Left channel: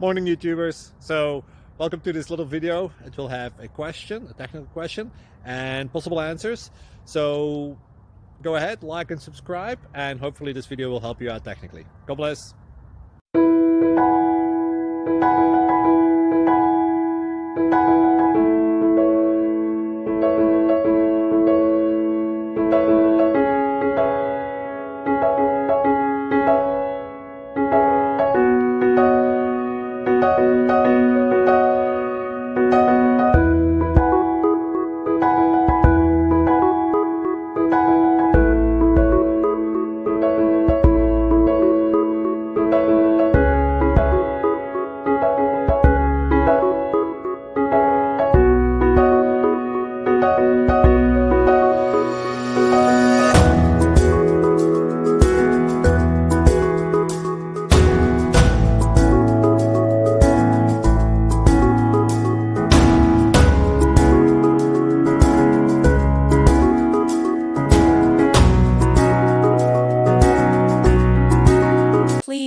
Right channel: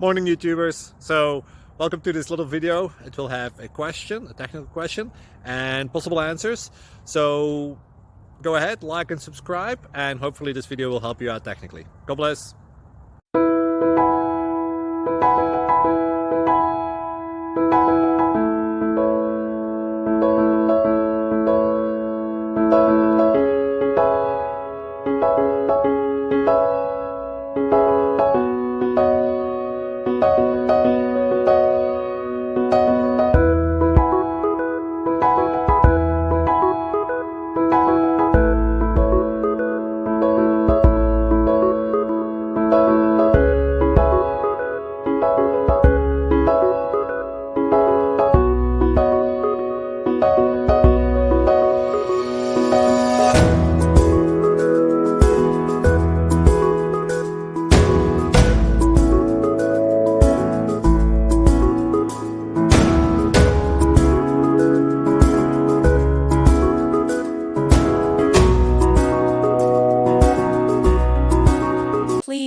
Morning YouTubers. So welcome to this little video. It will have a question, a technical question, and possible answers. So go ahead, like and subscribe, and hopefully this video will help you out technically. God bless.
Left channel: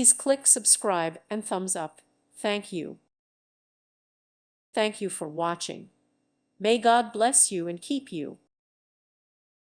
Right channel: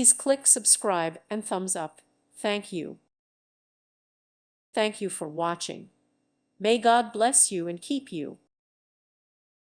Please click subscribe and thumbs up. Thank you. Thank you for watching. May God bless you and keep you.